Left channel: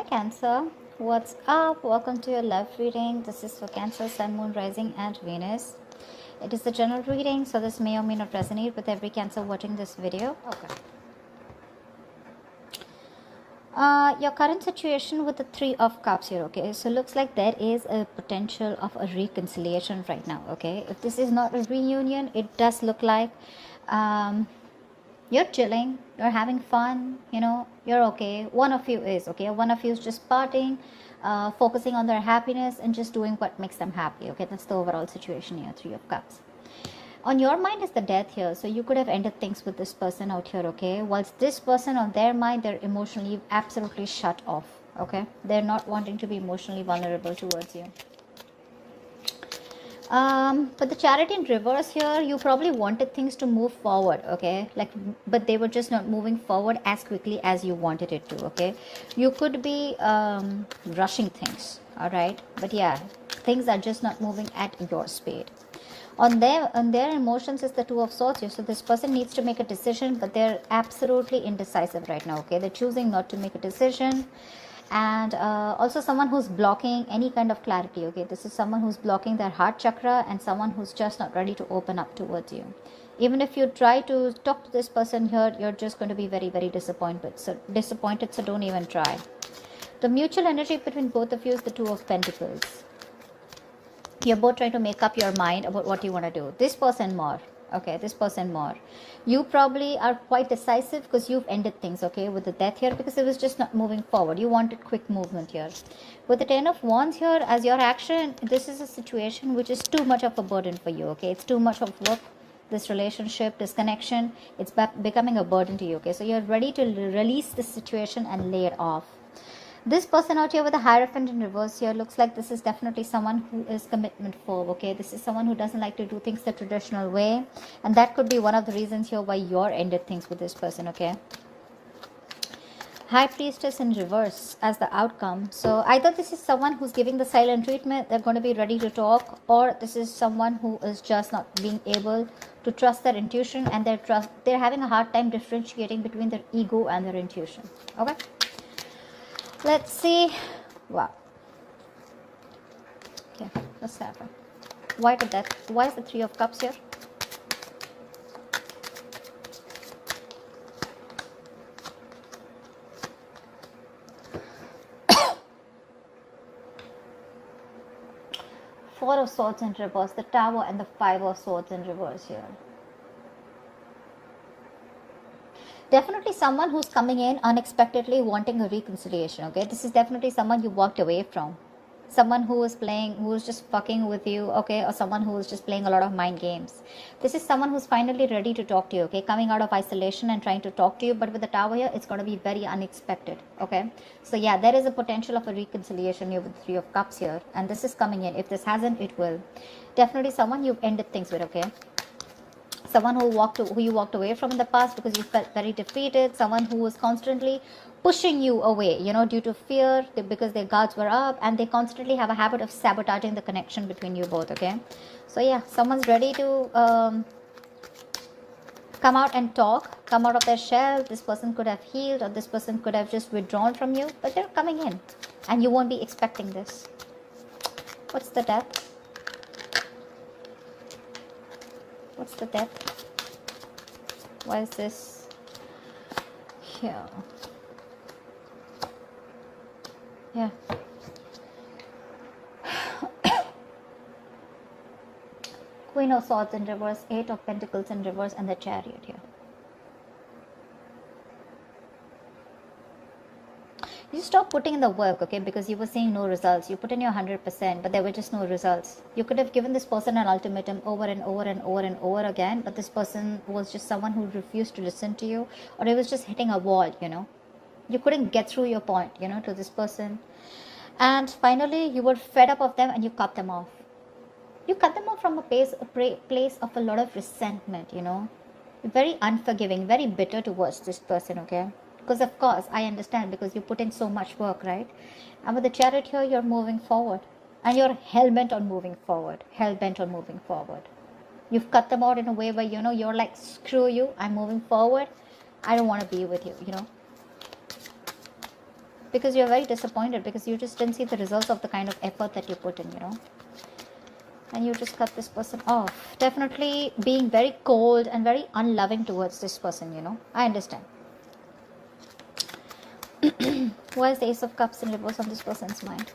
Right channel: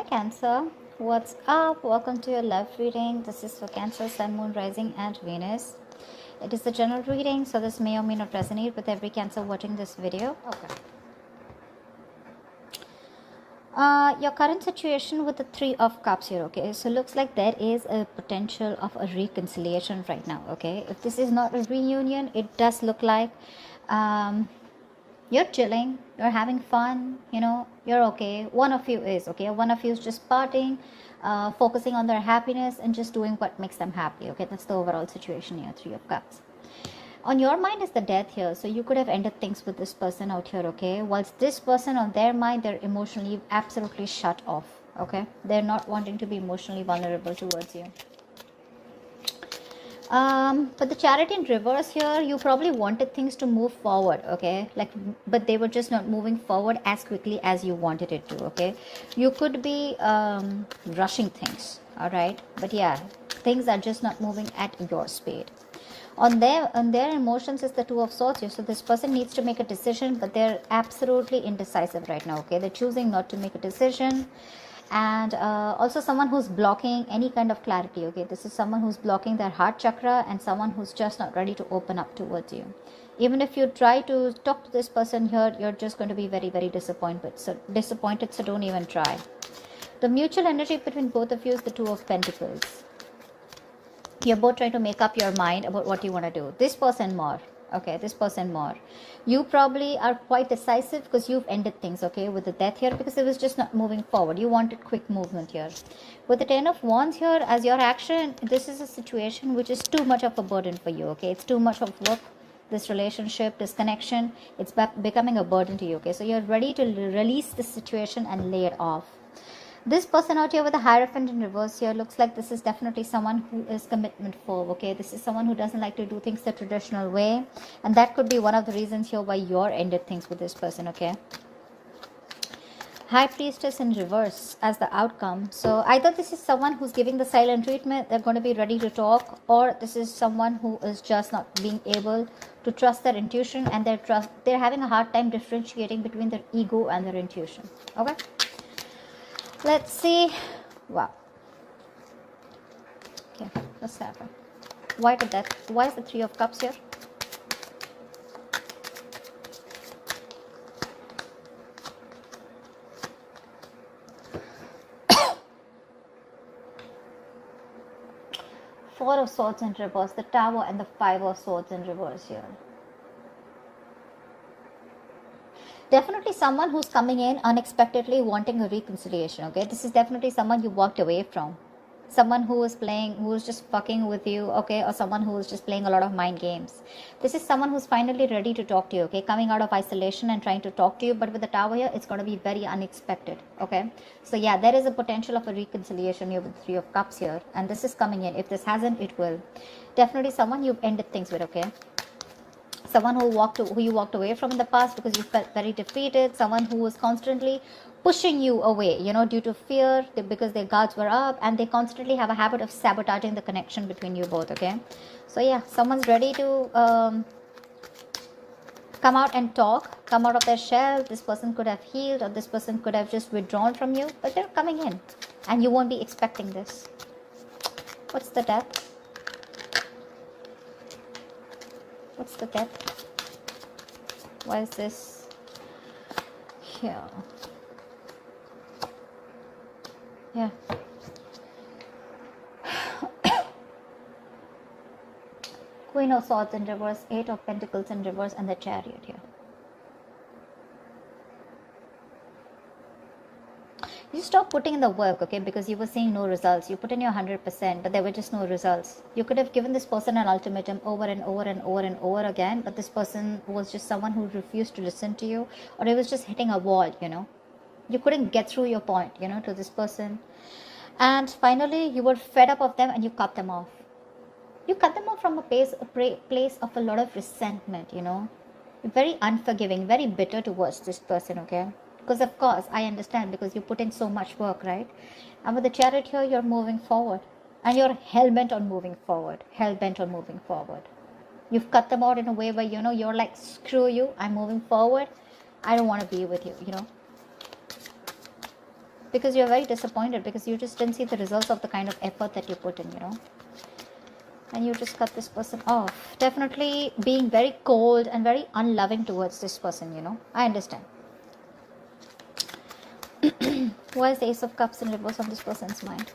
Hi Cancer, what's up? Welcome to your love reading. This is for Cancer, Sun, Moon, Rising and Venus. It is a general reading, so this may or may not resonate with every Cancer watching this video. Okay. Your current situation with the Three of Cups here, okay? So looks like there is a potential of a reconciliation right now, okay? If this is not a reunion, it does look like you're chilling, you're having fun, you're okay. One of you is okay. One of you is just partying, focusing on their happiness and just doing what makes them happy, okay? That's the overall situation here, Three of Cups. On your mind is the death here, so you could have ended things with this person out here, okay? Whilst this person on their mind, they're emotionally absolutely shut off, okay? They're not wanting to be emotionally vulnerable towards you. But the Chariot in reverse here, you probably wanted things to move forward, okay? But they were just not moving forward as quickly as you wanted it to, okay? You could be rushing things, all right? But yeah, things are just not moving at your speed. On their emotions is the Two of Swords here. So this person needs to make a decision, but they're absolutely indecisive right now, okay? They're choosing not to make a decision. And also someone who's blocking any kind of clarity, okay? This is someone who's blocking their heart chakra and someone who's just not ready to open up towards you. Even if you try to talk to this person here, you're just going to be very, very disappointed. So don't even try. The mutual energy between both of you is the Two of Pentacles. You're both trying to make up your mind about what you want to do. This person more, okay? This person more. You probably are quite decisive because you've ended things, okay, with the death here, because it was just not moving forward. You want a quick movement here. With the Ten of Wands here as your action, this is a situation which is too much of a burden for you, okay? It's too much of work, this relationship, this connection. It's becoming a burden to you, okay? So you're ready to release the situation and lay it off. This person out here with a Hierophant in reverse here looks like this is definitely someone who is commitment phobe, okay? This is someone who doesn't like to do things the traditional way. And that could be one of the reasons here why you're ended things with this person, okay? High Priestess in reverse as the outcome. So either this is someone who's giving the silent treatment, they're going to be ready to talk, or this is someone who is just not being able to trust their intuition, and they're having a hard time differentiating between their ego and their intuition, okay? Let's see. Wow. Okay, what's happened? Why did that? Why is the Three of Cups here? Four of Swords in reverse, the Tower and the Five of Swords in reverse here. Definitely someone who's coming in unexpectedly wanting a reconciliation, okay? This is definitely someone you walked away from. Someone who is just fucking with you, okay? Or someone who is just playing a lot of mind games. This is someone who's finally ready to talk to you, okay? Coming out of isolation and trying to talk to you. But with the Tower here, it's going to be very unexpected, okay? So yeah, there is a potential of a reconciliation here with the Three of Cups here. And this is coming in. If this hasn't, it will. Definitely someone you've ended things with, okay? Someone who you walked away from in the past because you felt very defeated. Someone who was constantly pushing you away, due to fear, because their guards were up, and they constantly have a habit of sabotaging the connection between you both, okay? So yeah, someone's ready to come out and talk, come out of their shell. This person could have healed, or this person could have just withdrawn from you, but they're coming in and you won't be expecting this. What's the Death? What's the Death? Why is this here? Yeah. Queen of Swords in reverse, Eight of Pentacles in reverse, and the Chariot here. You stop putting in the work, okay, because you were seeing no results. You put in your 100%, but there were just no results. You could have given this person an ultimatum over and over and over and over again, but this person was just someone who refused to listen to you, or it was just hitting a wall, You couldn't get through your point, to this person. And finally, you were fed up of them and you cut them off. You cut them off from a place of a lot of resentment, Very unforgiving, very bitter towards this person, okay? Because of course, I understand, because you put in so much work, right? And with the Chariot here, you're moving forward. And you're hell-bent on moving forward. Hell-bent on moving forward. You've cut them out in a way where, you're like, screw you, I'm moving forward. I don't want to be with you, because you're very disappointed, because you just didn't see the results of the kind of effort that you put in, and you just cut this person off. Definitely being very cold and very unloving towards this person, I understand. What is the Ace of Cups in reverse on this person's mind?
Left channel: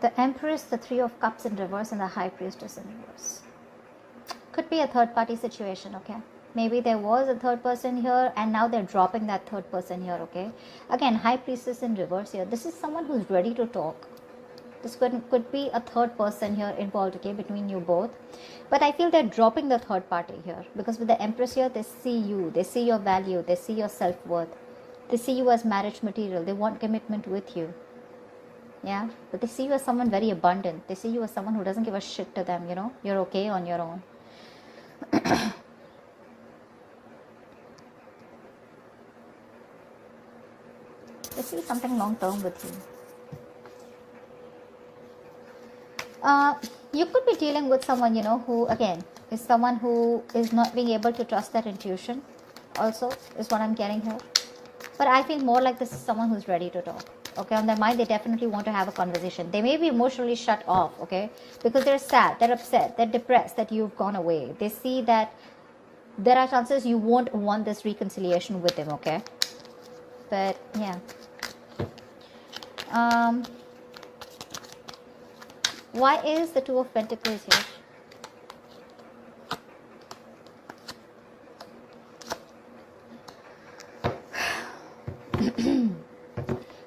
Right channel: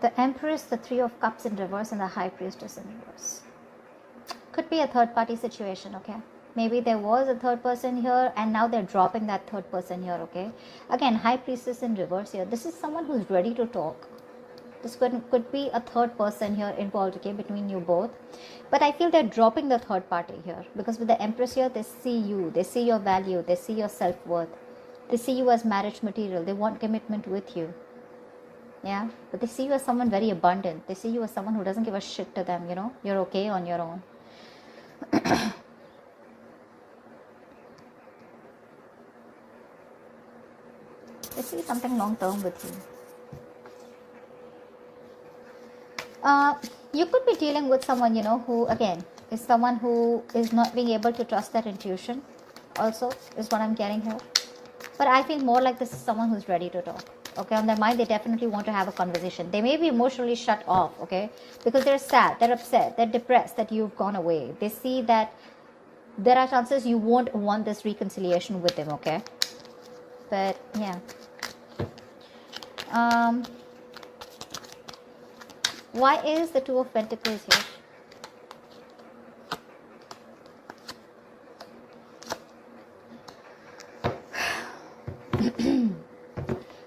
The Empress, the Three of Cups in reverse, and the High Priestess in reverse. Could be a third party situation, okay? Maybe there was a third person here and now they're dropping that third person here, okay? Again, High Priestess in reverse here. This is someone who's ready to talk. This could be a third person here involved, okay, between you both. But I feel they're dropping the third party here, because with the Empress here, they see you, they see your value, they see your self-worth. They see you as marriage material. They want commitment with you. Yeah, but they see you as someone very abundant. They see you as someone who doesn't give a shit to them, You're okay on your own. I see something long term with you. You could be dealing with someone, who, again, is someone who is not being able to trust their intuition, also, is what I'm getting here. But I feel more like this is someone who's ready to talk. Okay, on their mind, they definitely want to have a conversation. They may be emotionally shut off, okay, because they're sad, they're upset, they're depressed that you've gone away. They see that there are chances you won't want this reconciliation with them, okay? But, yeah. Why is the Two of Pentacles here?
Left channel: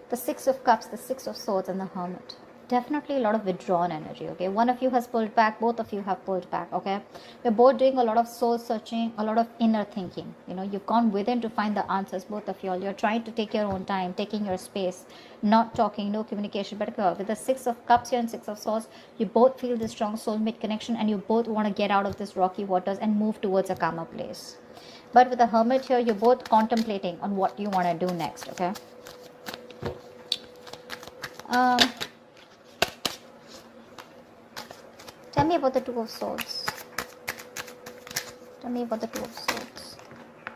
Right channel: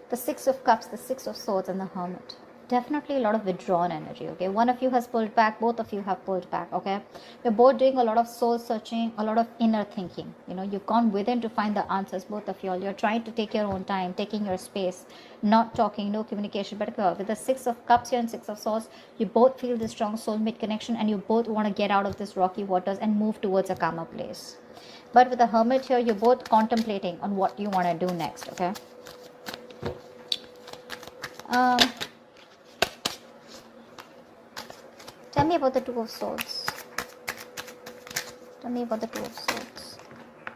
The Six of Cups, the Six of Swords, and the Hermit. Definitely a lot of withdrawn energy, okay? One of you has pulled back, both of you have pulled back, okay? You're both doing a lot of soul searching, a lot of inner thinking. You've gone within to find the answers, both of you all. You're trying to take your own time, taking your space, not talking, no communication. But with the Six of Cups here and Six of Swords, you both feel this strong soulmate connection, and you both want to get out of this rocky waters and move towards a calmer place. But with the Hermit here, you're both contemplating on what you want to do next, okay? Tell me about the Two of Swords. Tell me about the Two of Swords.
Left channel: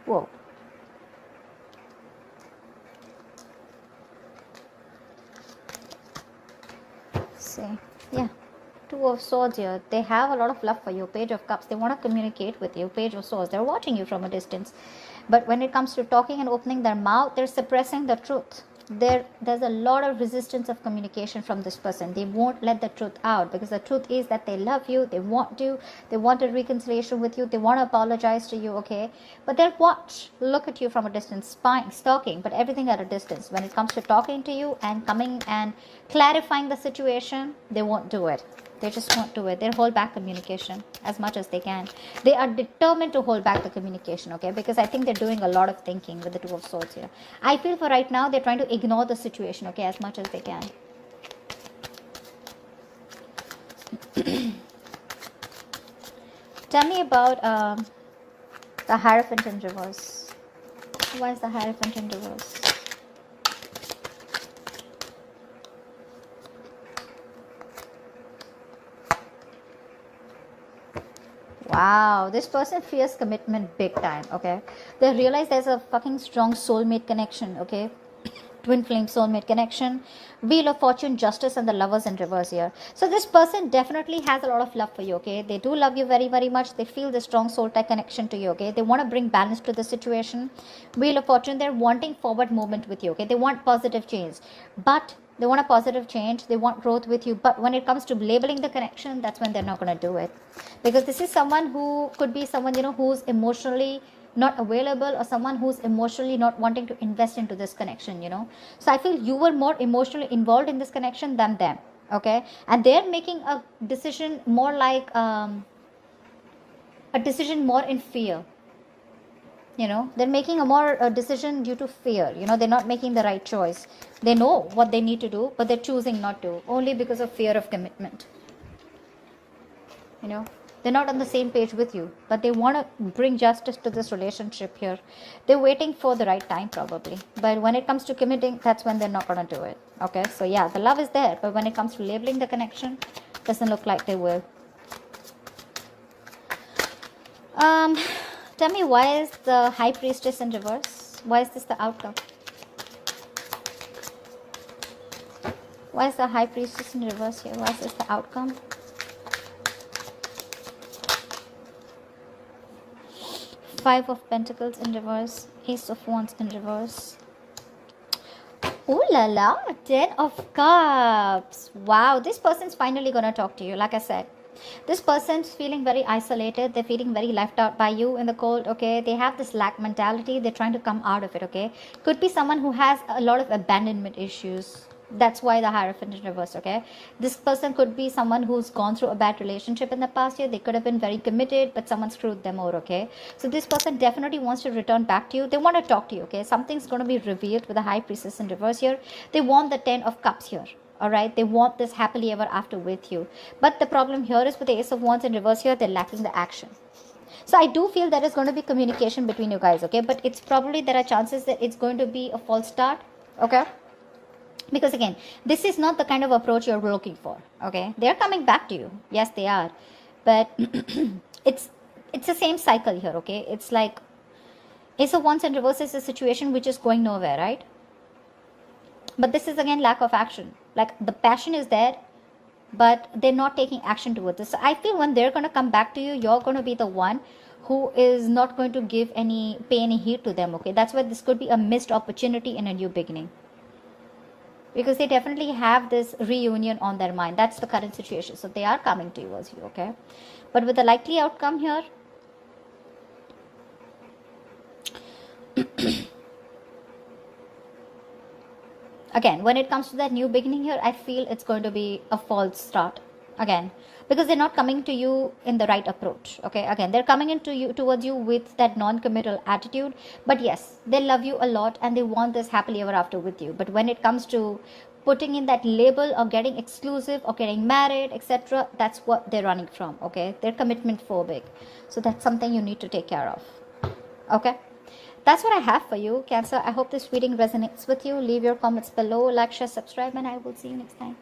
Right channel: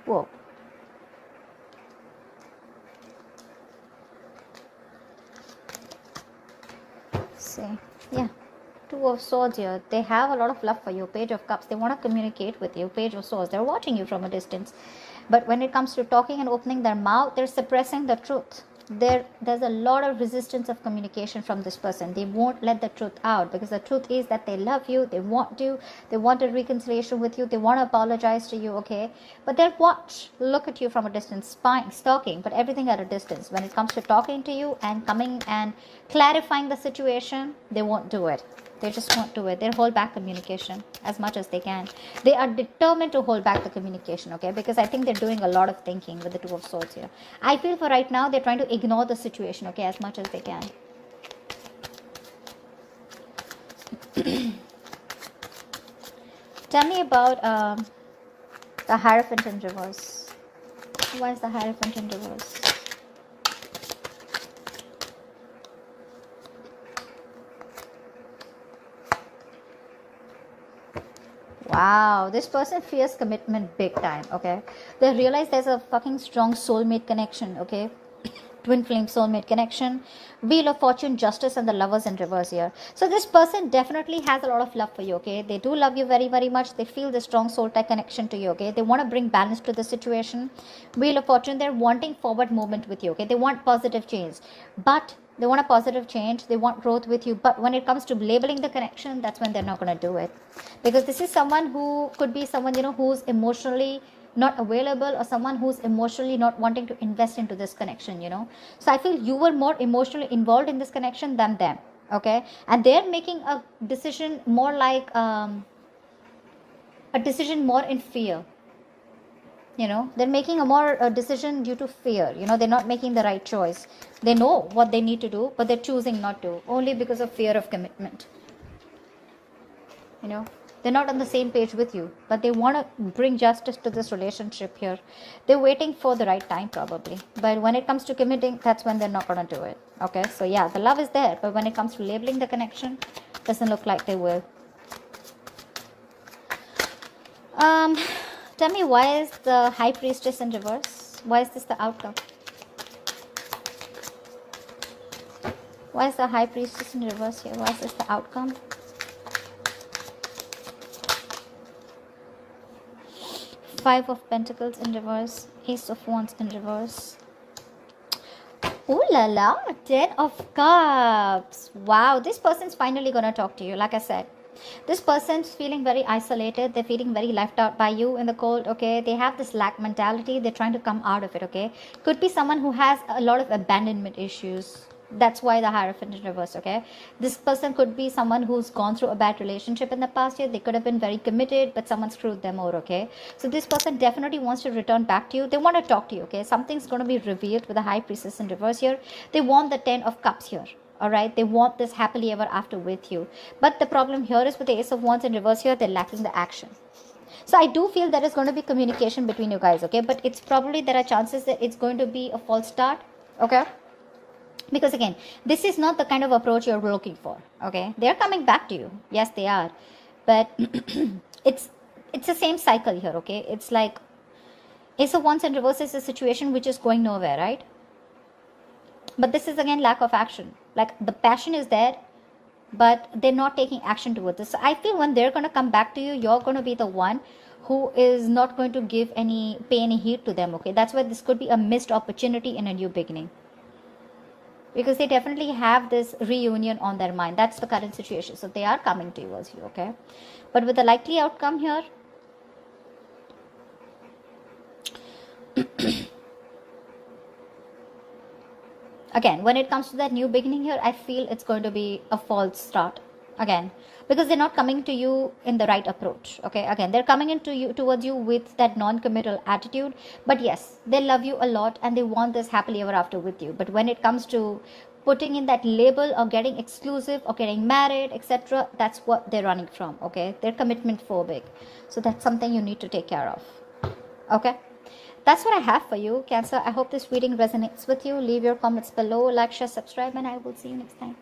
Whoa. See, yeah. Two of Swords here. They have a lot of love for you. Page of Cups. They want to communicate with you. Page of Swords. They're watching you from a distance. But when it comes to talking and opening their mouth, they're suppressing the truth. There's a lot of resistance of communication from this person. They won't let the truth out, because the truth is that they love you, they want a reconciliation with you, they want to apologize to you, okay? But they'll look at you from a distance, spying, stalking, but everything at a distance. When it comes to talking to you and coming and clarifying the situation, they won't do it. They just won't do it. They'll hold back communication as much as they can. They are determined to hold back the communication, okay? Because I think they're doing a lot of thinking with the Two of Swords here. I feel for right now, they're trying to ignore the situation, okay, as much as they can. Tell me about the Hierophant in reverse. Why is the Hierophant in reverse? Wow, this person feels commitment big time, okay? They realize there's a fucking strong soulmate connection, okay? Twin flame soulmate connection. Wheel of Fortune, Justice, and the Lovers in reverse here. So this person definitely has a lot of love for you, okay? They do love you very, very much. They feel the strong soul tie connection to you, okay? They want to bring balance to the situation. Wheel of Fortune, they're wanting forward movement with you, okay? They want positive change. But they want a positive change. They want growth with you. But when it comes to labeling the connection, that's when they're not going to do it. Because this is someone who could be someone, who's emotionally not available, or someone who's emotionally not wanting to invest into this connection, So I feel you were more emotionally involved in this connection than them, okay? And they're making a decision more like a decision more in fear. They're making a decision due to fear. They're not making the right choice. They know what they need to do, but they're choosing not to, only because of fear of commitment. They're not on the same page with you, but they want to bring justice to this relationship here. They're waiting for the right time probably, but when it comes to committing, that's when they're not going to do it. Okay, so yeah, the love is there, but when it comes to labeling the connection, doesn't look like they will. Tell me, why is the High Priestess in reverse? Why is this the outcome? Why is the High Priestess in reverse here? Why is this the outcome? Five of Pentacles in reverse. Ace of Wands in reverse. Ooh la la, 10 of Cups. Wow, this person's finally gonna talk to you. Like I said, this person's feeling very isolated. They're feeling very left out by you in the cold. Okay, they have this lack mentality. They're trying to come out of it. Okay, could be someone who has a lot of abandonment issues. That's why the Hierophant in reverse. Okay, this person could be someone who's gone through a bad relationship in the past year. They could have been very committed, but someone screwed them over. Okay, so this person definitely wants to return back to you. They want to talk to you. Okay, something's going to be revealed with the High Priestess in reverse here. They want the 10 of Cups here. All right, they want this happily ever after with you, but the problem here is with the Ace of Wands in reverse here, they're lacking the action. So I do feel there is going to be communication between you guys. Okay, but it's probably, there are chances that it's going to be a false start. Okay, because again, this is not the kind of approach you're looking for. Okay, they're coming back to you. Yes, they are, but it's the same cycle here. Okay, it's like Ace of Wands in reverse is a situation which is going nowhere, right? But this is again lack of action. Like the passion is there, but they're not taking action towards this. So I feel when they're going to come back to you, you're going to be the one who is not going to pay any heed to them. Okay, that's why this could be a missed opportunity and a new beginning, because they definitely have this reunion on their mind. That's the current situation. So they are coming to you also. Okay, but with the likely outcome here, again, when it comes to that new beginning here, I feel it's going to be a false start again, because they're not coming to you in the right approach. Okay, again, they're coming towards you with that non-committal attitude, but yes, they love you a lot and they want this happily ever after with you. But when it comes to putting in that label or getting exclusive or getting married, etc., that's what they're running from. Okay, they're commitment phobic, so that's something you need to take care of. Okay, that's what I have for you, Cancer. I hope this reading resonates with you. Leave your comments below, like, share, subscribe, and I will see you next time.